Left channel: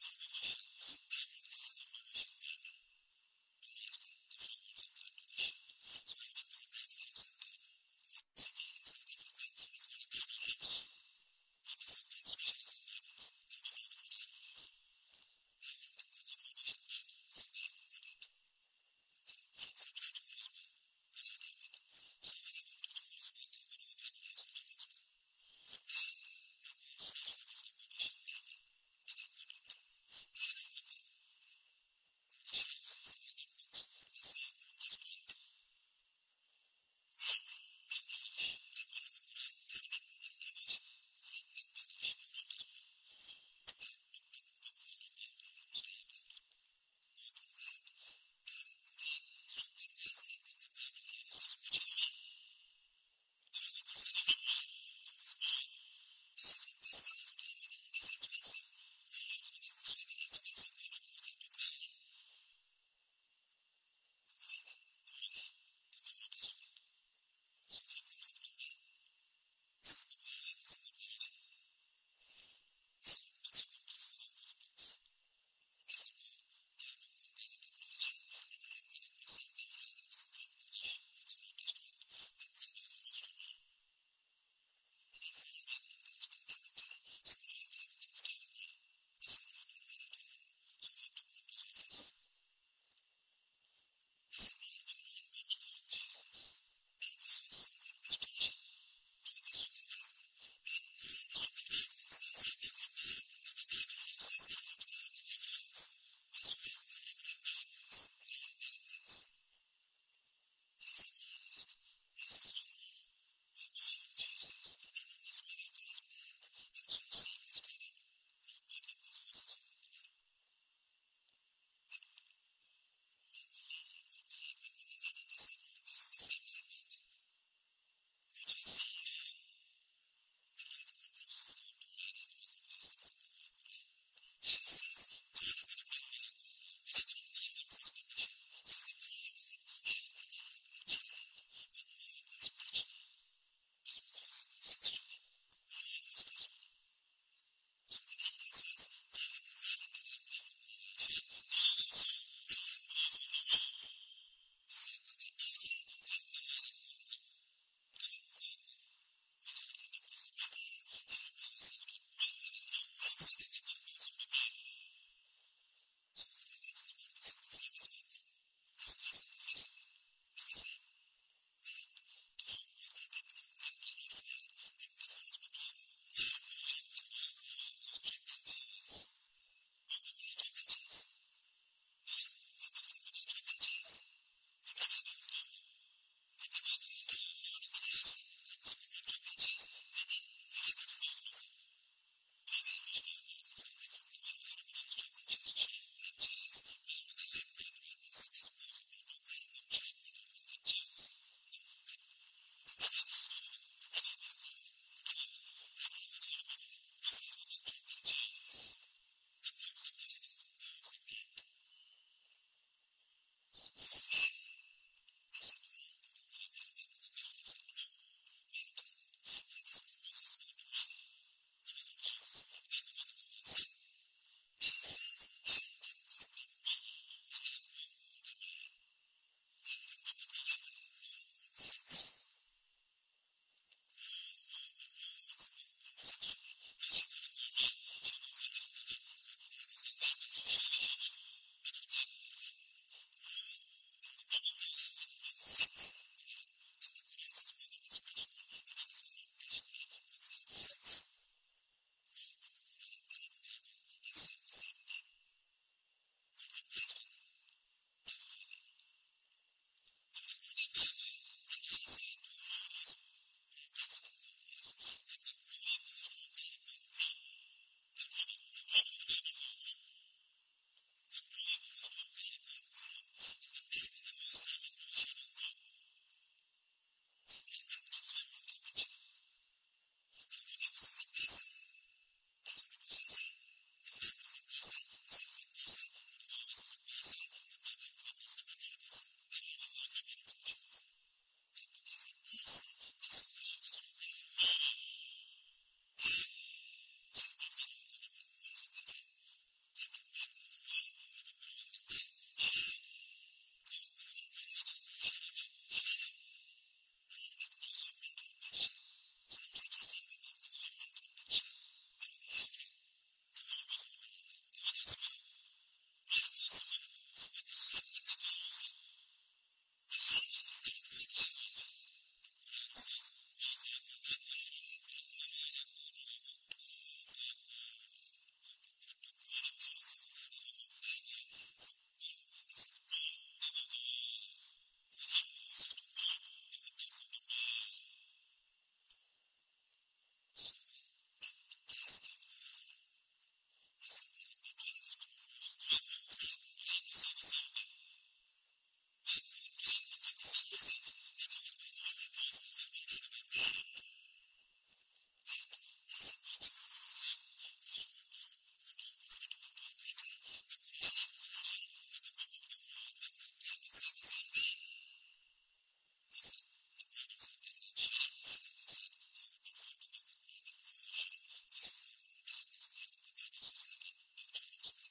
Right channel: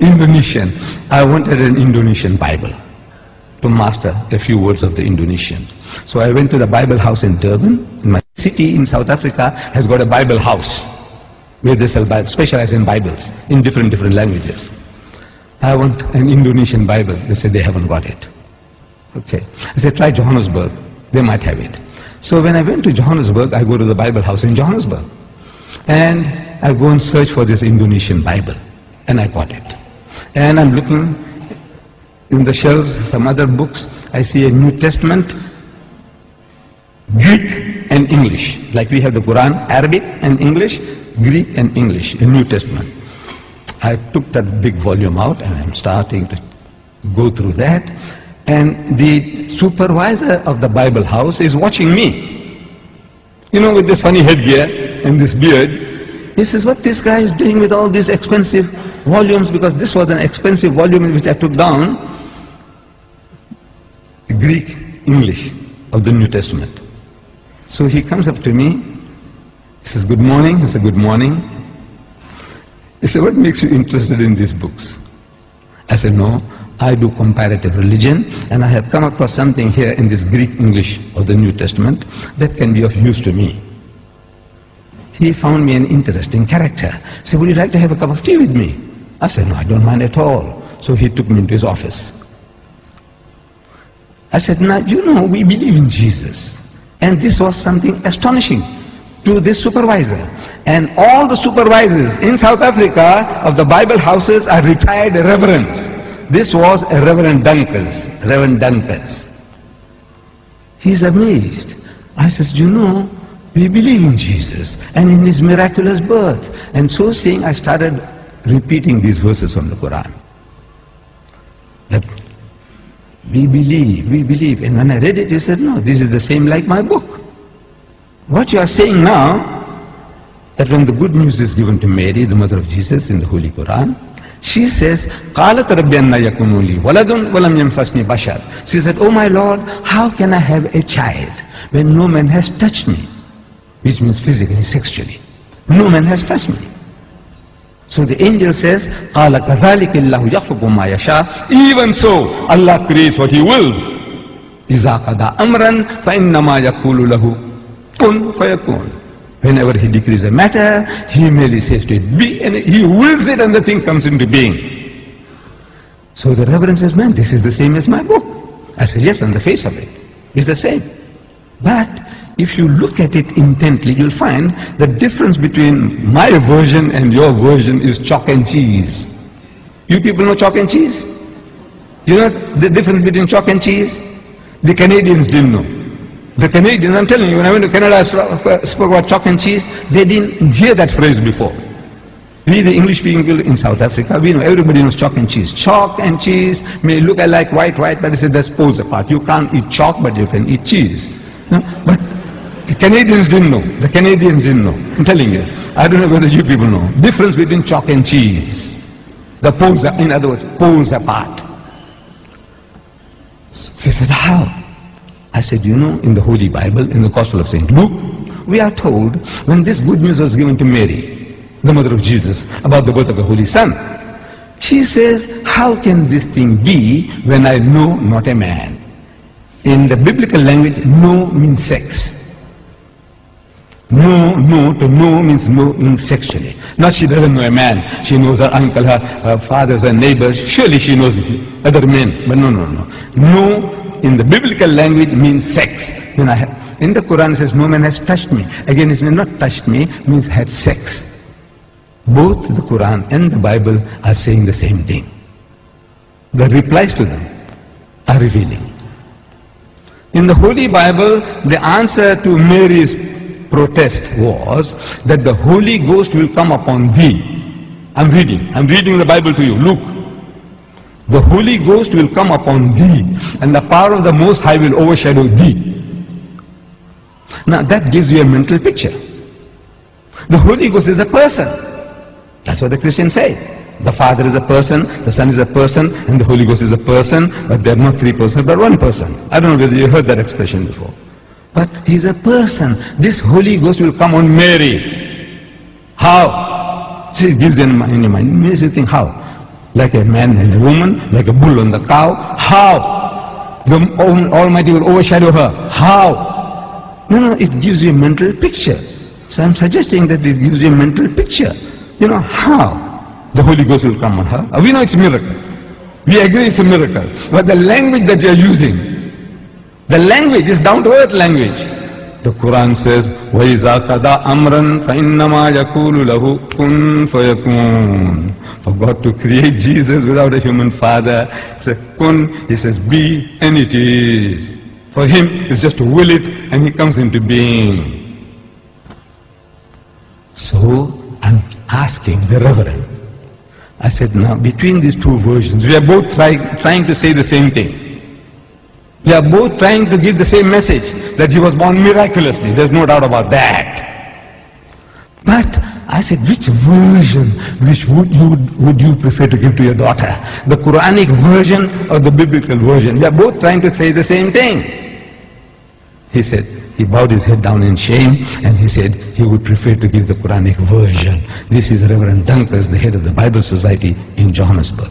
Indonesian. I wanted an Indonesian Bible to master a few words of the Indonesian. So I went to the Bible house in Durban. My city in South Africa has got a Bible house where they sell Bibles, specialize in Bibles in different languages. I want an Indonesian Bible. They said they haven't got it. Okay. I said, try Johannesburg. They might have it. So when I went to Johannesburg, I go to the Bible house in Johannesburg. And I go and search for this Indonesian Bible. And I got it. And I'm looking in the shelves, some other books. I see a New Testament, Greek and English. Like we have the Quran, Arabic and English, Greek and English, a New Testament. I took that big volume out and I'm starting to go through that. And the supervisor of the Bible house is watching me. You know, with this funny headgear and this beard. He says, what this guy is doing with all these expensive volumes, because this was an expensive volume which I took down, Greek, English of the New Testament. So he comes up to me, he says, good morning. I said, good morning. He said, what makes you interested in these books? I said, no, I do comparative religion, and I have come across something here in this Greek English of the New Testament that can be of use to me. He found me an interesting character. He said, would you like to have a cup of tea with me? I said, no, I don't mind at all. So he took me into his office. I said, now, you know, we believe in Jesus. And this was something astonishing to this supervisor. And all the supervisors in South Africa of the Bible houses are retired reverends. This was a Reverend Dunkers. He's amazed. I says, you know, we believe in Jesus and in his miraculous birth. And so saying, I started repeating these verses from the Quran. That we believe. And when I read it, he said, no, this is the same like my book. What you are saying now, that when the good news is given to Mary, the mother of Jesus, in the Holy Quran, she says, قَالَتْ رَبِّ أَنَّ يَكُونُ لِي وَلَدٌ وَلَمْ يَمْسَسْنِي بَشَرٌ. She said, oh my Lord, how can I have a child when no man has touched me? Which means physically, sexually. No man has touched me. So the angel says, قَالَ كَذَلِكَ اللَّهُ يَخْلُقُ مَا يَشَاءُ. Even so, Allah creates what He wills. إِذَا قَضَى أَمْرًا فَإِنَّمَا يَقُولُ لَهُ كُن فَيَكُونُ. Whenever He decrees a matter, He merely says to it, be, and He wills it and the thing comes into being. So the Reverend says, man, this is the same as my book. I said, yes, on the face of it, it's the same. But if you look at it intently, you'll find the difference between my version and your version is chalk and cheese. You people know chalk and cheese? You know the difference between chalk and cheese? The Canadians didn't know. The Canadians, I'm telling you, when I went to Canada, I spoke about chalk and cheese. They didn't hear that phrase before. We, the English people in South Africa, we know, everybody knows chalk and cheese. Chalk and cheese may look like white, but it's that's poles apart. You can't eat chalk, but you can eat cheese. No? But the Canadians didn't know. The Canadians didn't know. I'm telling you. I don't know whether you people know. Difference between chalk and cheese. The poles are, in other words, poles apart. She said, how? I said, you know, in the Holy Bible, in the Gospel of St. Luke, we are told when this good news was given to Mary, the mother of Jesus, about the birth of the Holy Son, she says, how can this thing be when I know not a man? In the biblical language, no means sex. No to know means no means sexually. Not she doesn't know a man. She knows her uncle, her fathers, her neighbors. Surely she knows other men. But no. No in the biblical language means sex. In the Quran it says no man has touched me. Again it means not touched me, means had sex. Both the Quran and the Bible are saying the same thing. The replies to them are revealing. In the Holy Bible, the answer to Mary's protest was that the Holy Ghost will come upon thee. I'm reading the Bible to you. Luke. The Holy Ghost will come upon thee, and the power of the Most High will overshadow thee. Now that gives you a mental picture. The Holy Ghost is a person. That's what the Christians say. The Father is a person, the Son is a person, and the Holy Ghost is a person, but they're not three persons, but one person. I don't know whether you heard that expression before. But He's a person. This Holy Ghost will come on Mary. How? See, it gives you in your mind. It makes you think how. like a man and a woman, like a bull and the cow. How? The Almighty will overshadow her. How? No, it gives you a mental picture. So I'm suggesting that it gives you a mental picture. You know, how? The Holy Ghost will come on her. We know it's a miracle. We agree it's a miracle. But the language that you're using, the language is down-to-earth language. The Quran says, وَإِذَا قَضَى أَمْرًا فَإِنَّمَا يَقُولُ لَهُ كُن فَيَكُونُ. For God to create Jesus without a human father, he says, kun, he says, be, and it is. For him, it's just to will it, and he comes into being. So, I'm asking the Reverend, I said, now, between these two versions, we are both trying to say the same thing. We are both trying to give the same message, that he was born miraculously. There's no doubt about that. But I said, which version would you prefer to give to your daughter? The Quranic version or the biblical version? We are both trying to say the same thing. He said, he bowed his head down in shame, and he said he would prefer to give the Quranic version. This is Reverend Dunkers, the head of the Bible Society in Johannesburg.